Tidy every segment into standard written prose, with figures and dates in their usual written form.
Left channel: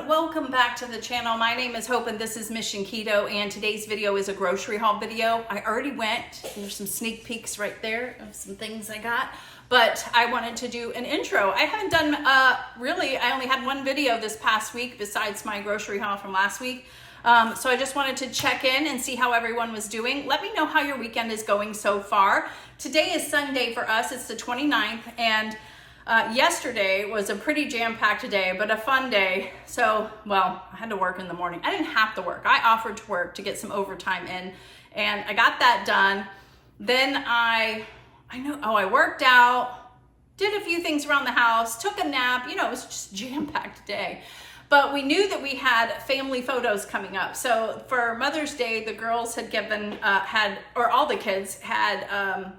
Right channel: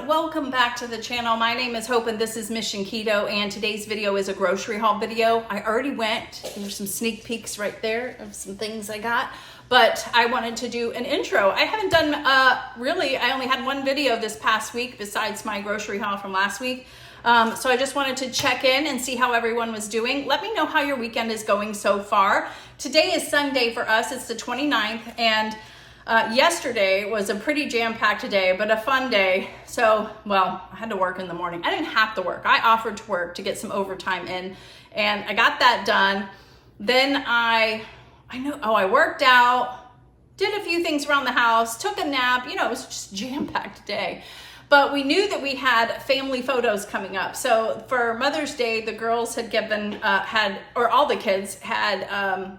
everyone, welcome back to the channel. My name is Hope and this is Mission Keto, and today's video is a grocery haul video. I already went, there's some sneak peeks right there of some things I got, but I wanted to do an intro. I haven't done, really, I only had one video this past week besides my grocery haul from last week. So I just wanted to check in and see how everyone was doing. Let me know how your weekend is going so far. Today is Sunday for us, it's the 29th, and yesterday was a pretty jam-packed day, but a fun day. So, well, I had to work in the morning. I didn't have to work. I offered to work to get some overtime in, and I got that done. Then I worked out, did a few things around the house, took a nap. You know, it was just a jam-packed day. But we knew that we had family photos coming up. So for Mother's Day, the girls had all the kids had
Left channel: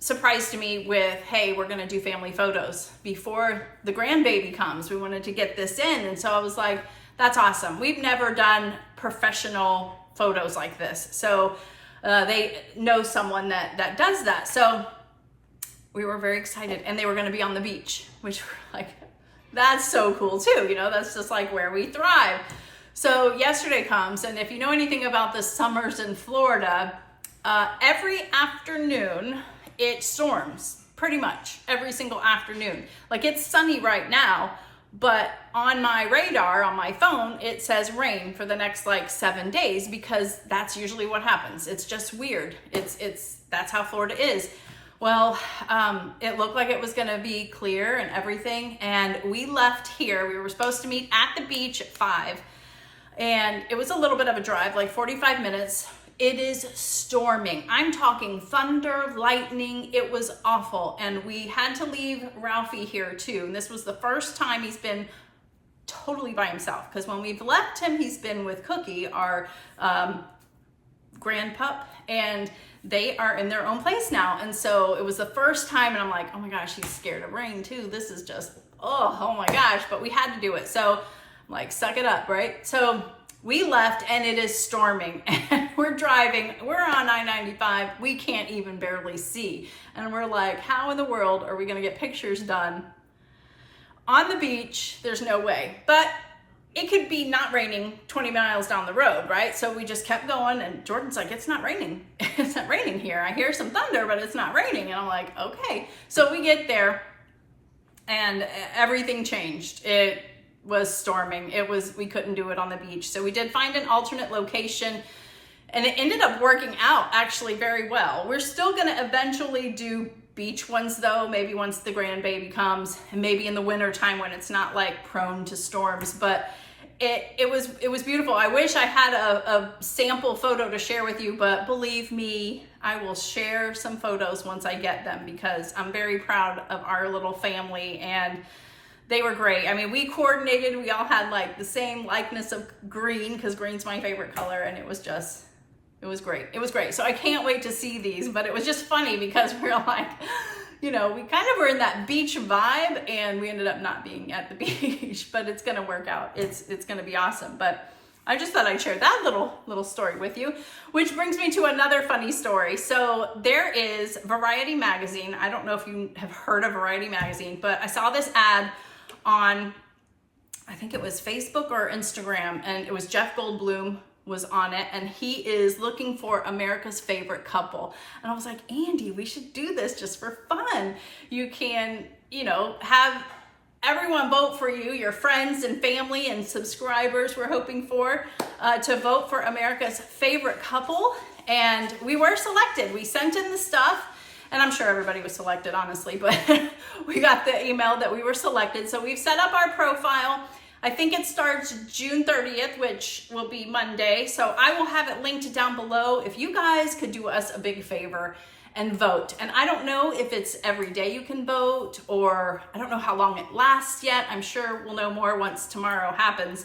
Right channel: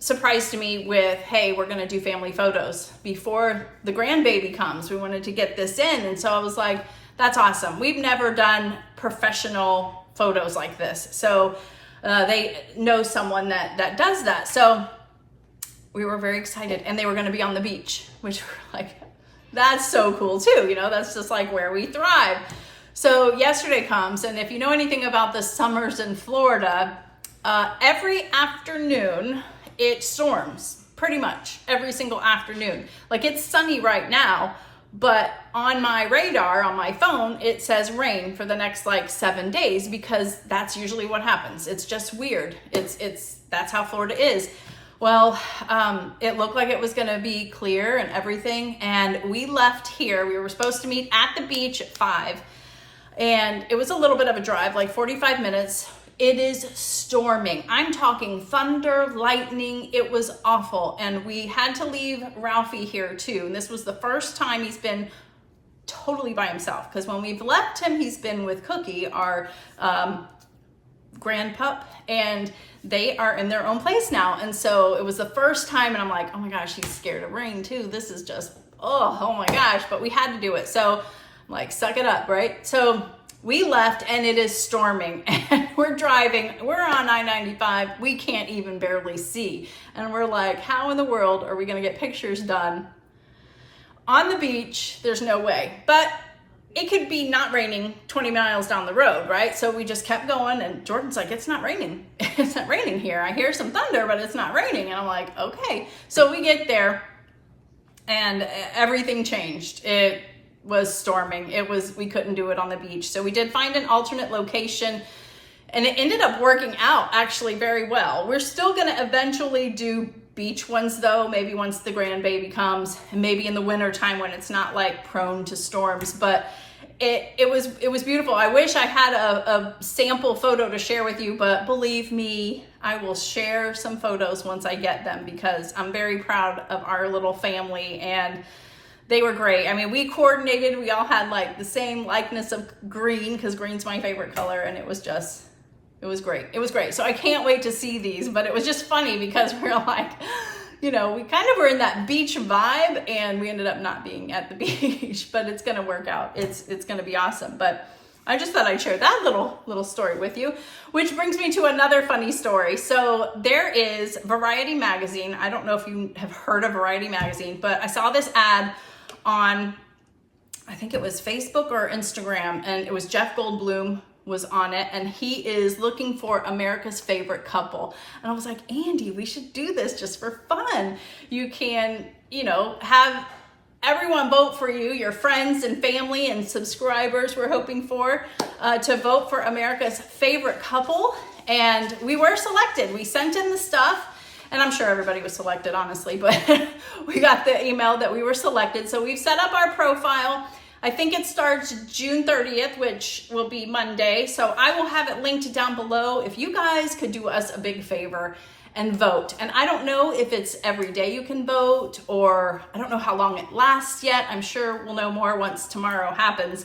surprised me with, hey, we're gonna do family photos before the grandbaby comes. We wanted to get this in. And so I was like, that's awesome. We've never done professional photos like this. So they know someone that does that. So we were very excited, and they were gonna be on the beach, which we're like, that's so cool too. You know, that's just like where we thrive. So yesterday comes, and if you know anything about the summers in Florida, every afternoon, it storms pretty much every single afternoon. Like, it's sunny right now, but on my radar, on my phone, it says rain for the next like 7 days, because that's usually what happens. It's just weird. That's how Florida is. Well, it looked like it was gonna be clear and everything. And we left here. We were supposed to meet at the beach at 5. And it was a little bit of a drive, like 45 minutes. It is storming. I'm talking thunder, lightning. It was awful. And we had to leave Ralphie here too. And this was the first time he's been totally by himself. Because when we've left him, he's been with Cookie, our grand pup. And they are in their own place now. And so it was the first time, and I'm like, oh my gosh, he's scared of rain too. This is just, oh my gosh, but we had to do it. So I'm like, suck it up, right? So we left, and it is storming, and we're driving, we're on I-95, we can't even barely see. And we're like, how in the world are we gonna get pictures done on the beach? There's no way. But it could be not raining 20 miles down the road, right? So we just kept going, and Jordan's like, it's not raining. It's not raining here. I hear some thunder, but it's not raining. And I'm like, okay. So we get there, and everything changed. It was storming. We couldn't do it on the beach. So we did find an alternate location, and it ended up working out actually very well. We're still gonna eventually do beach ones though, maybe once the grandbaby comes, and maybe in the winter time when it's not like prone to storms. But it was beautiful. I wish I had a sample photo to share with you, but believe me, I will share some photos once I get them, because I'm very proud of our little family, and they were great. I mean, we coordinated, we all had like the same likeness of green, because green's my favorite color, and it was great. It was great. So I can't wait to see these, but it was just funny because we were like, you know, we kind of were in that beach vibe, and we ended up not being at the beach, but it's going to work out. It's going to be awesome. But I just thought I'd share that little story with you, which brings me to another funny story. So there is Variety Magazine. I don't know if you have heard of Variety Magazine, but I saw this ad on, I think it was Facebook or Instagram, and it was Jeff Goldblum was on it, and he is looking for America's favorite couple. And I was like, Andy, we should do this just for fun. You can, you know, have everyone vote for you, your friends and family and subscribers we're hoping for, to vote for America's favorite couple. And we were selected. We sent in the stuff, and I'm sure everybody was selected, honestly, but we got the email that we were selected. So we've set up our profile. I think it starts June 30th, which will be Monday. So I will have it linked down below. If you guys could do us a big favor and vote. And I don't know if it's every day you can vote, or I don't know how long it lasts yet. I'm sure we'll know more once tomorrow happens.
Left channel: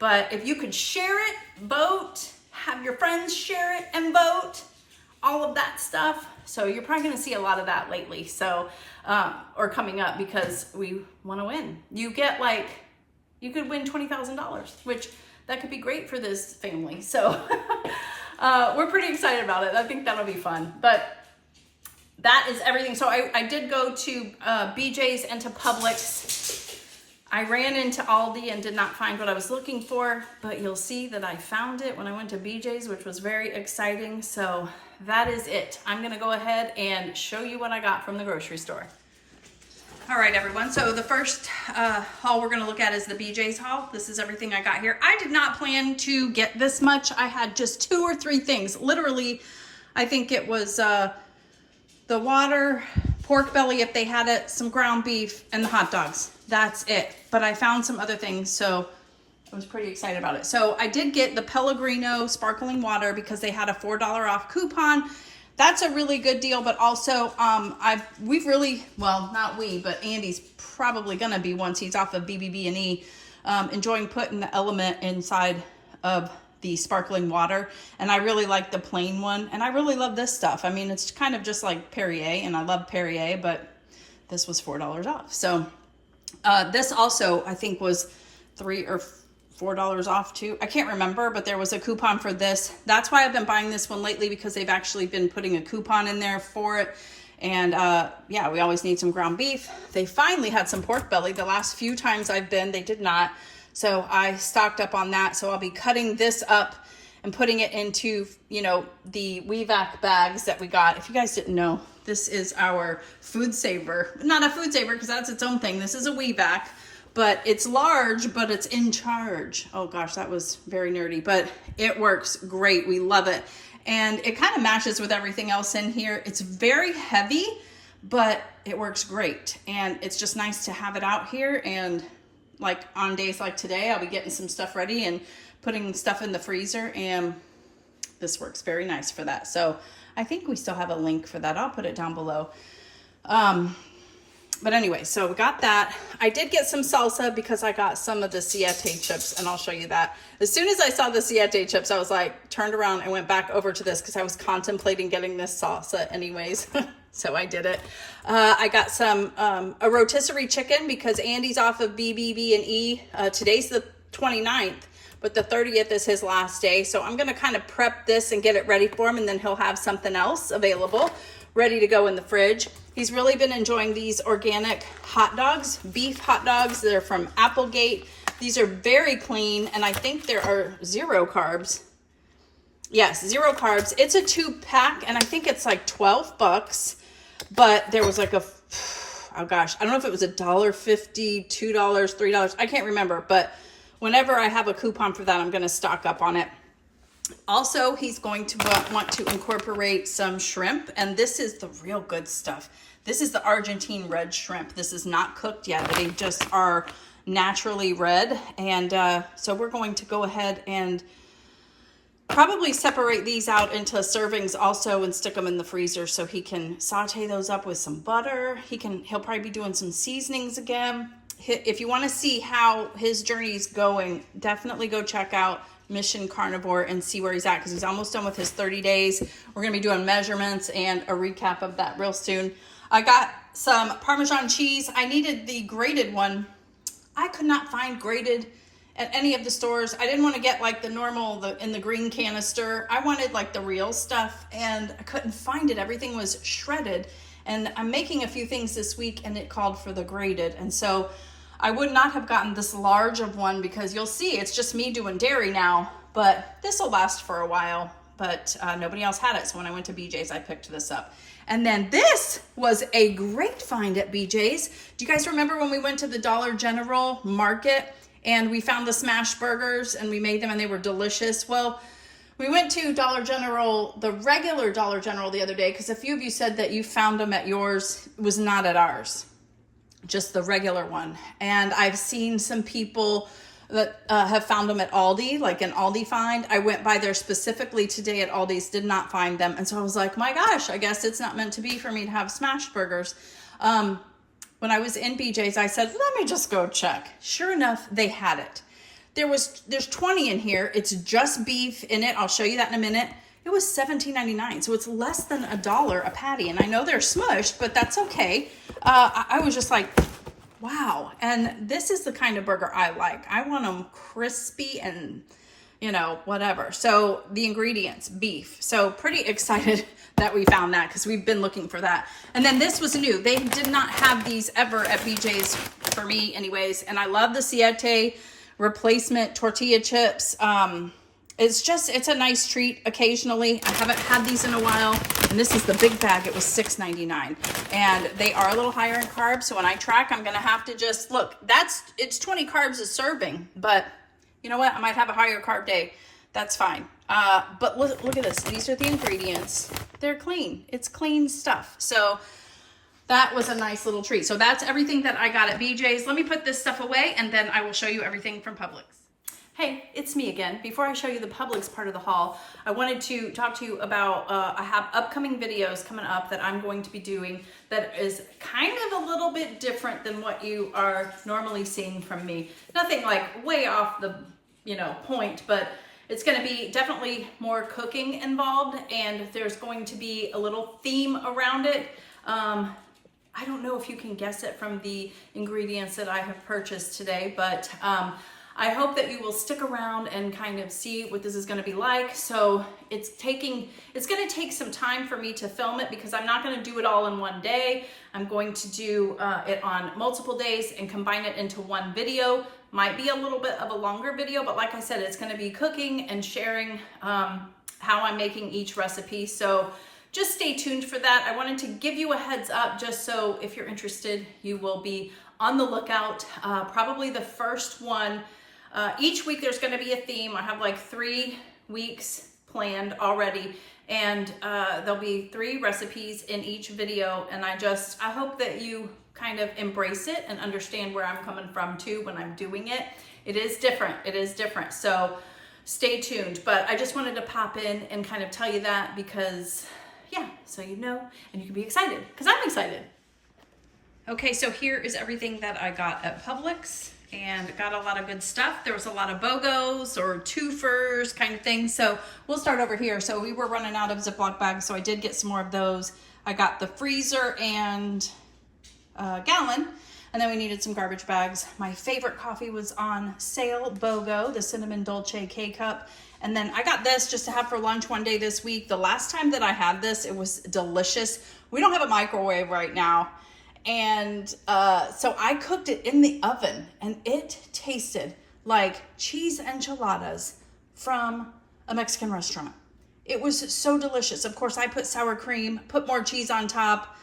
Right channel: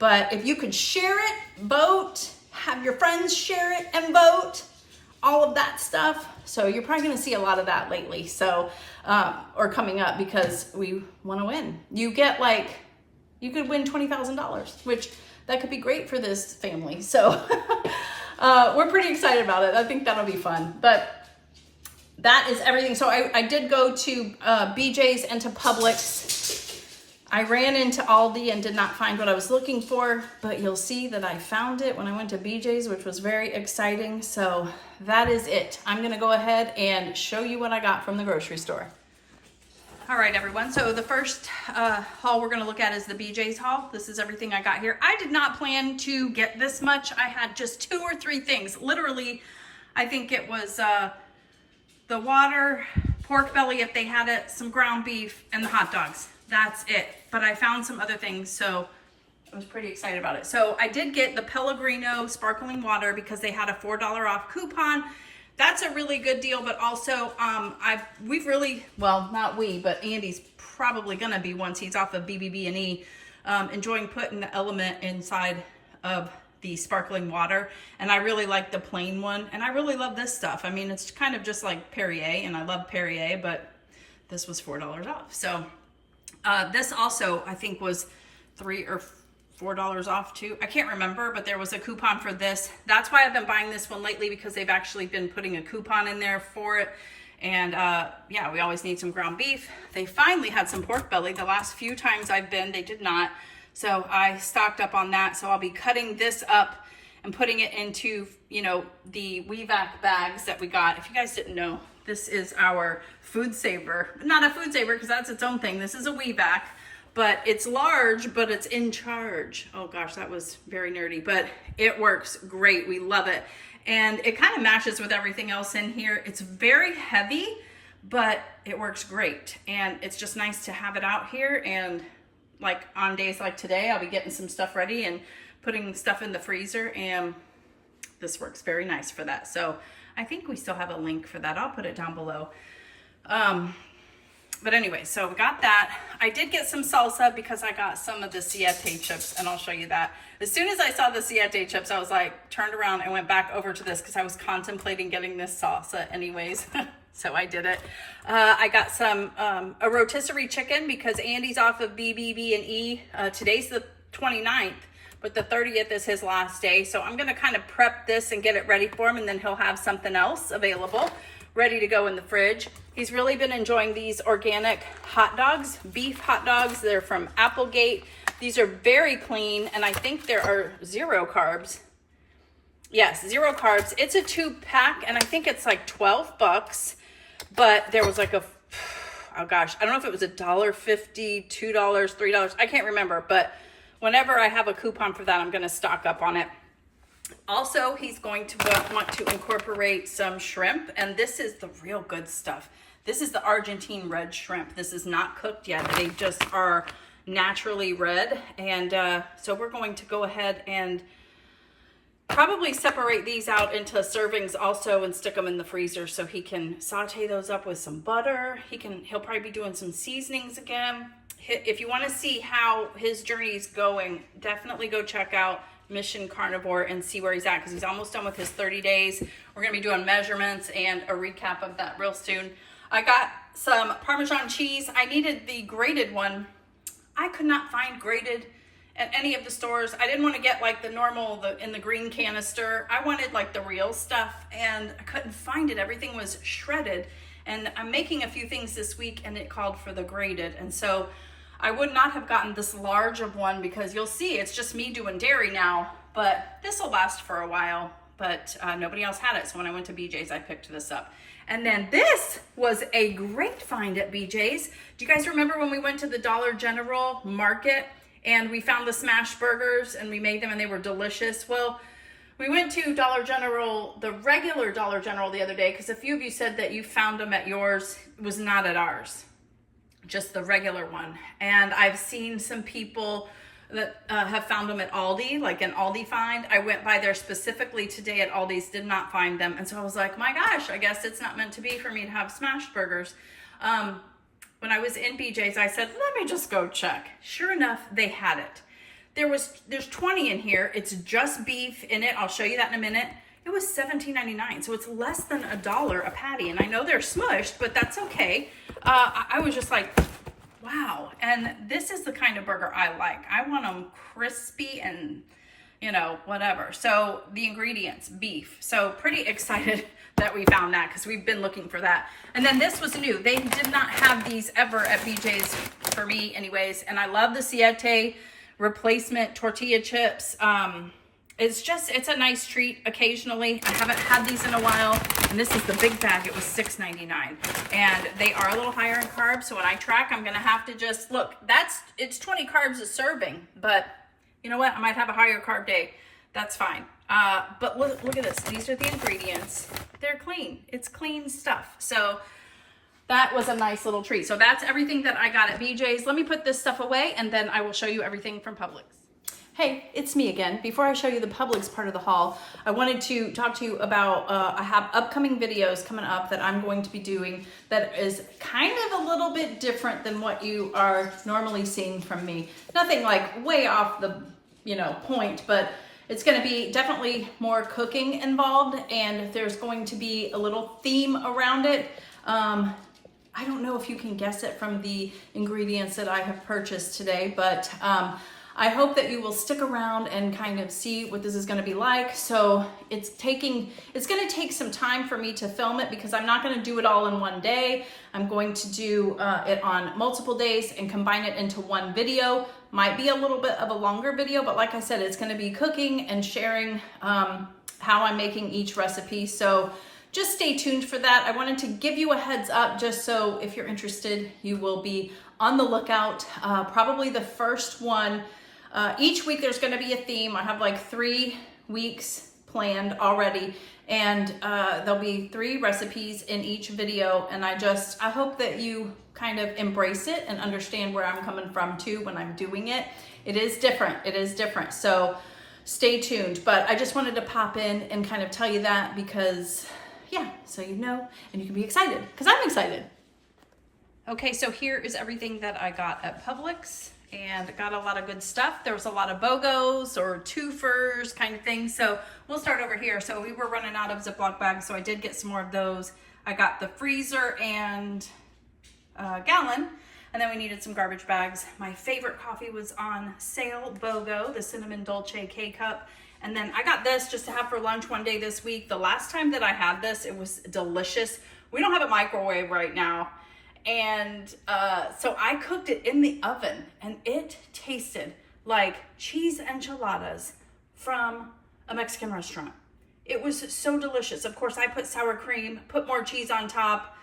But if you could share it, vote, have your friends share it and vote, all of that stuff. So you're probably gonna see a lot of that lately. So, or coming up, because we wanna win. You could win $20,000, which that could be great for this family. So we're pretty excited about it. I think that'll be fun. But that is everything. So I did go to BJ's and to Publix. I ran into Aldi and did not find what I was looking for, but you'll see that I found it when I went to BJ's, which was very exciting. So that is it. I'm gonna go ahead and show you what I got from the grocery store. All right, everyone. So the first haul we're gonna look at is the BJ's haul. This is everything I got here. I did not plan to get this much. I had just 2 or 3 things. Literally, I think it was the water, pork belly if they had it, some ground beef, and the hot dogs. That's it. But I found some other things, so I was pretty excited about it. So I did get the Pellegrino sparkling water because they had a $4 off coupon. That's a really good deal, but also we've really, well, not we, but Andy's probably gonna be, once he's off of BBB&E, enjoying putting the element inside of the sparkling water. And I really like the plain one, and I really love this stuff. I mean, it's kind of just like Perrier, and I love Perrier, but this was $4 off. So this also, I think, was $3 or $4 off too. I can't remember, but there was a coupon for this. That's why I've been buying this one lately, because they've actually been putting a coupon in there for it. And yeah, we always need some ground beef. They finally had some pork belly. The last few times I've been, they did not. So I stocked up on that. So I'll be cutting this up and putting it into, you know, the WeVac bags that we got. If you guys didn't know, this is our food saver. Not a food saver because that's its own thing. This is a WeVac, but it's large, but it's in charge. Oh gosh, that was very nerdy, but it works great. We love it. And it kind of matches with everything else in here. It's very heavy, but it works great. And it's just nice to have it out here. And like on days like today, I'll be getting some stuff ready and putting stuff in the freezer, and this works very nice for that. So I think we still have a link for that. I'll put it down below. But anyway, so we got that. I did get some salsa because I got some of the Siete chips, and I'll show you that. As soon as I saw the Siete chips, I was like, turned around and went back over to this because I was contemplating getting this salsa anyways. So I did it. I got some, a rotisserie chicken because Andy's off of BBB&E. Today's the 29th. But the 30th is his last day. So I'm gonna kind of prep this and get it ready for him, and then he'll have something else available, ready to go in the fridge. He's really been enjoying these organic hot dogs, beef hot dogs. They're from Applegate. These are very clean, and I think there are 0 carbs. Yes, 0 carbs. It's a 2-pack, and I think it's like 12 bucks, but there was like a, oh gosh, I don't know if it was $1.50, $2, $3. I can't remember, but whenever I have a coupon for that, I'm going to stock up on it. Also, he's going to want to incorporate some shrimp, and this is the real good stuff. This is the Argentine red shrimp. This is not cooked yet. They just are naturally red, and so we're going to go ahead and probably separate these out into servings also and stick them in the freezer so he can saute those up with some butter. He'll probably be doing some seasonings again. If you want to see how his journey is going, definitely go check out Mission Carnivore and see where he's at, because he's almost done with his 30 days. We're going to be doing measurements and a recap of that real soon. I got some Parmesan cheese. I needed the grated one. I could not find grated at any of the stores. I didn't want to get like the normal, in the green canister. I wanted like the real stuff, and I couldn't find it. Everything was shredded. And I'm making a few things this week, and it called for the grated. And so I would not have gotten this large of one, because you'll see it's just me doing dairy now, but this will last for a while, but nobody else had it. So when I went to BJ's, I picked this up. And then this was a great find at BJ's. Do you guys remember when we went to the Dollar General market and we found the smash burgers and we made them and they were delicious? Well, we went to Dollar General, the regular Dollar General, the other day, because a few of you said that you found them at yours. It was not at ours, just the regular one. And I've seen some people that have found them at Aldi, like an Aldi find. I went by there specifically today at Aldi's, did not find them. And so I was like, my gosh, I guess it's not meant to be for me to have smash burgers. When I was in BJ's, I said, let me just go check. Sure enough, they had it. There's 20 in here. It's just beef in it. I'll show you that in a minute. It was $17.99, so it's less than $1 a patty. And I know they're smushed, but that's okay. I was just like, wow. And this is the kind of burger I like. I want them crispy and, whatever. So the ingredients, beef. So pretty excited that we found that, because we've been looking for that. And then this was new. They did not have these ever at BJ's for me anyways. And I love the Siete replacement tortilla chips. It's a nice treat occasionally. I haven't had these in a while, and this is the big bag. It was $6.99, and they are a little higher in carbs. So when I track, I'm gonna have to just look. It's 20 carbs a serving, but you know what? I might have a higher carb day. That's fine. But look at this. These are the ingredients. They're clean. It's clean stuff. So that was a nice little treat. So that's everything that I got at BJ's. Let me put this stuff away, and then I will show you everything from Publix. Hey, it's me again. Before I show you the Publix part of the haul, I wanted to talk to you about, I have upcoming videos coming up that I'm going to be doing that is kind of a little bit different than what you are normally seeing from me. Nothing like way off the, point, but it's going to be definitely more cooking involved, and there's going to be a little theme around it. I don't know if you can guess it from the ingredients that I have purchased today, but I hope that you will stick around and kind of see what this is going to be like. So it's going to take some time for me to film it because I'm not going to do it all in one day. I'm going to do it on multiple days and combine it into one video. Might be a little bit of a longer video, but like I said, it's going to be cooking and sharing how I'm making each recipe. So just stay tuned for that. I wanted to give you a heads up just so if you're interested, you will be on the lookout. Probably the first one. Each week there's going to be a theme. I have like 3 weeks planned already, and there'll be 3 recipes in each video. And I hope that you kind of embrace it and understand where I'm coming from too when I'm doing it. It is different. It is different. So stay tuned. But I just wanted to pop in and kind of tell you that because, yeah, so you know, and you can be excited because I'm excited. Okay, so here is everything that I got at Publix. And got a lot of good stuff. There was a lot of BOGOs or twofers kind of things. So we'll start over here. So we were running out of Ziploc bags, so I did get some more of those. I got the freezer and gallon, and then we needed some garbage bags. My favorite coffee was on sale, BOGO, the Cinnamon Dolce K-Cup. And then I got this just to have for lunch one day this week. The last time that I had this, it was delicious. We don't have a microwave right now. And so I cooked it in the oven, and it tasted like cheese enchiladas from a Mexican restaurant. It was so delicious. Of course, I put sour cream, put more cheese on top,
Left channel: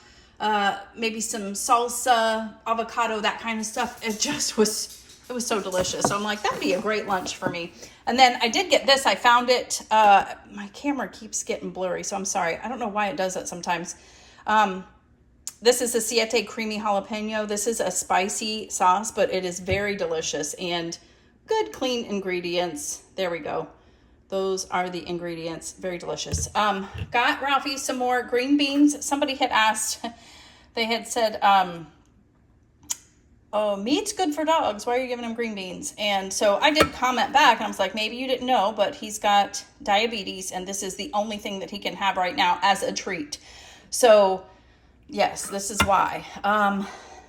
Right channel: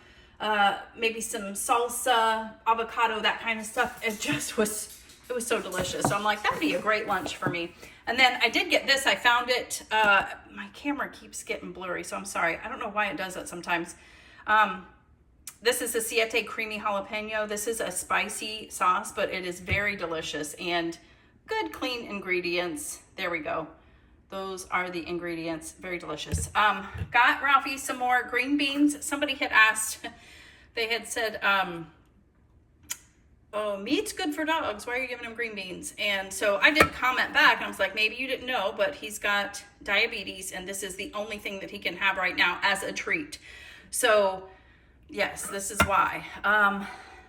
maybe some salsa, avocado, that kind of stuff. It was so delicious. So I'm like, that'd be a great lunch for me. And then I did get this. I found it. My camera keeps getting blurry, so I'm sorry. I don't know why it does that sometimes. This is a Siete Creamy Jalapeno. This is a spicy sauce, but it is very delicious and good, clean ingredients. There we go. Those are the ingredients. Very delicious. Got Ralphie some more green beans. Somebody had asked, they had said, oh, meat's good for dogs. Why are you giving him green beans? And so I did comment back, and I was like, maybe you didn't know, but he's got diabetes, and this is the only thing that he can have right now as a treat. So yes, this is why.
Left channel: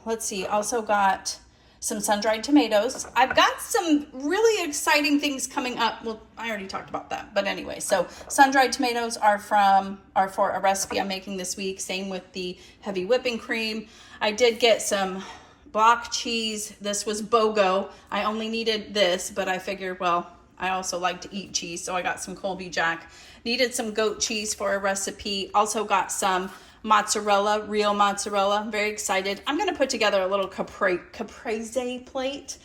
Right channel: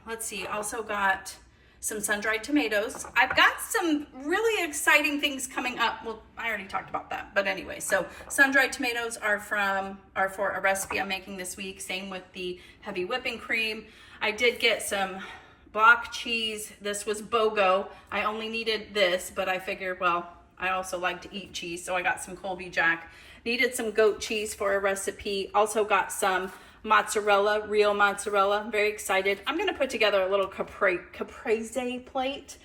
Let's see. Also got some sun-dried tomatoes. I've got some really exciting things coming up. Well, I already talked about that. But anyway, so sun-dried tomatoes are for a recipe I'm making this week. Same with the heavy whipping cream. I did get some block cheese. This was BOGO. I only needed this, but I figured, well, I also like to eat cheese, so I got some Colby Jack. Needed some goat cheese for a recipe. Also got some mozzarella, real mozzarella. I'm very excited. I'm gonna put together a little caprese plate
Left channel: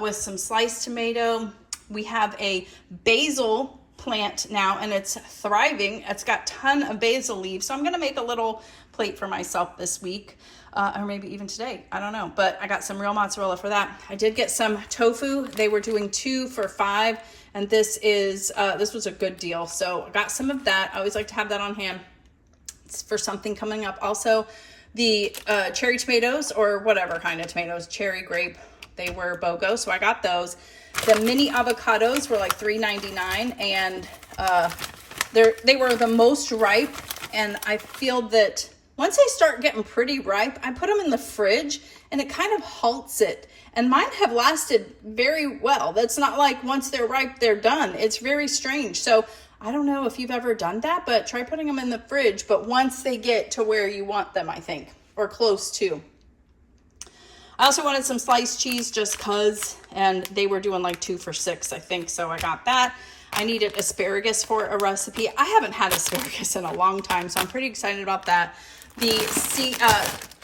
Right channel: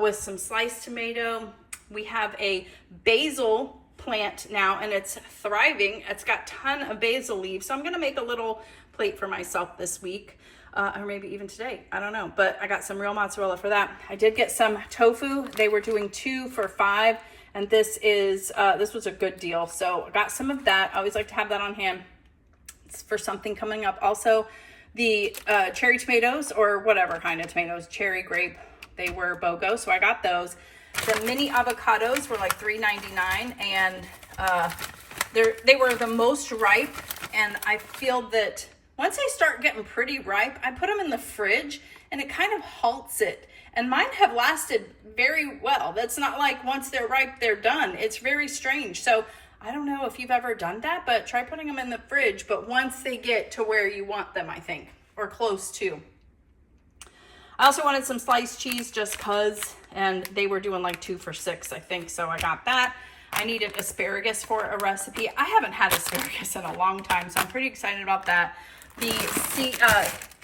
with some sliced tomato. We have a basil plant now, and it's thriving. It's got a ton of basil leaves, so I'm gonna make a little plate for myself this week, or maybe even today. I don't know, but I got some real mozzarella for that. I did get some tofu. They were doing 2 for $5, and this was a good deal. So I got some of that. I always like to have that on hand for something coming up. Also, the cherry tomatoes, or whatever kind of tomatoes, cherry, grape, they were BOGO, so I got those. The mini avocados were like $3.99, and they were the most ripe, and I feel that once they start getting pretty ripe, I put them in the fridge, and it kind of halts it. And mine have lasted very well. That's not like once they're ripe, they're done. It's very strange. So I don't know if you've ever done that, but try putting them in the fridge. But once they get to where you want them, I think, or close to. I also wanted some sliced cheese just cause, and they were doing like 2 for $6, I think. So I got that. I needed asparagus for a recipe. I haven't had asparagus in a long time, so I'm pretty excited about that. The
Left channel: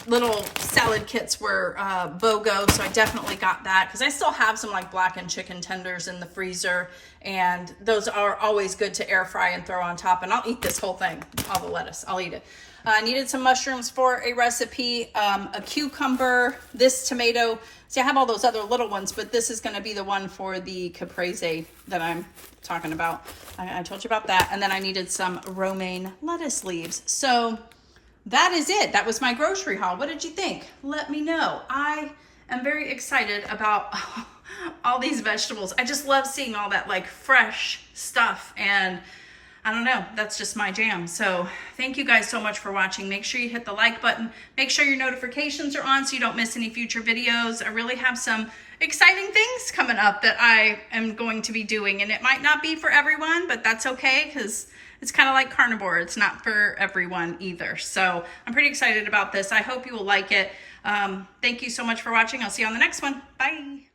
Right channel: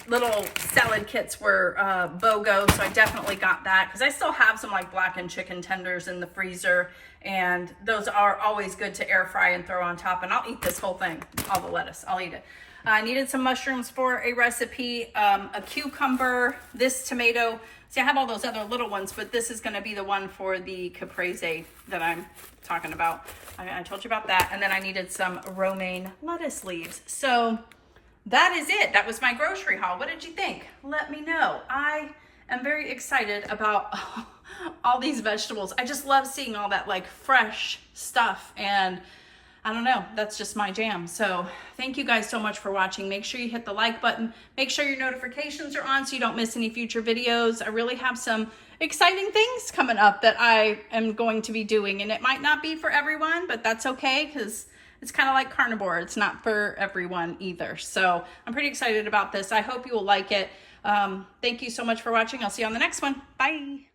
little salad kits were BOGO, so I definitely got that because I still have some like blackened chicken tenders in the freezer, and those are always good to air fry and throw on top. And I'll eat this whole thing, all the lettuce, I'll eat it. I needed some mushrooms for a recipe, a cucumber, this tomato. See, I have all those other little ones, but this is going to be the one for the caprese that I'm talking about. I told you about that. And then I needed some romaine lettuce leaves. So that is it. That was my grocery haul. What did you think? Let me know. I am very excited about all these vegetables. I just love seeing all that like fresh stuff, and I don't know, that's just my jam. So thank you guys so much for watching. Make sure you hit the like button. Make sure your notifications are on so you don't miss any future videos. I really have some exciting things coming up that I am going to be doing, and it might not be for everyone, but that's okay because it's kind of like carnivore. It's not for everyone either. So I'm pretty excited about this. I hope you will like it. Thank you so much for watching. I'll see you on the next one. Bye.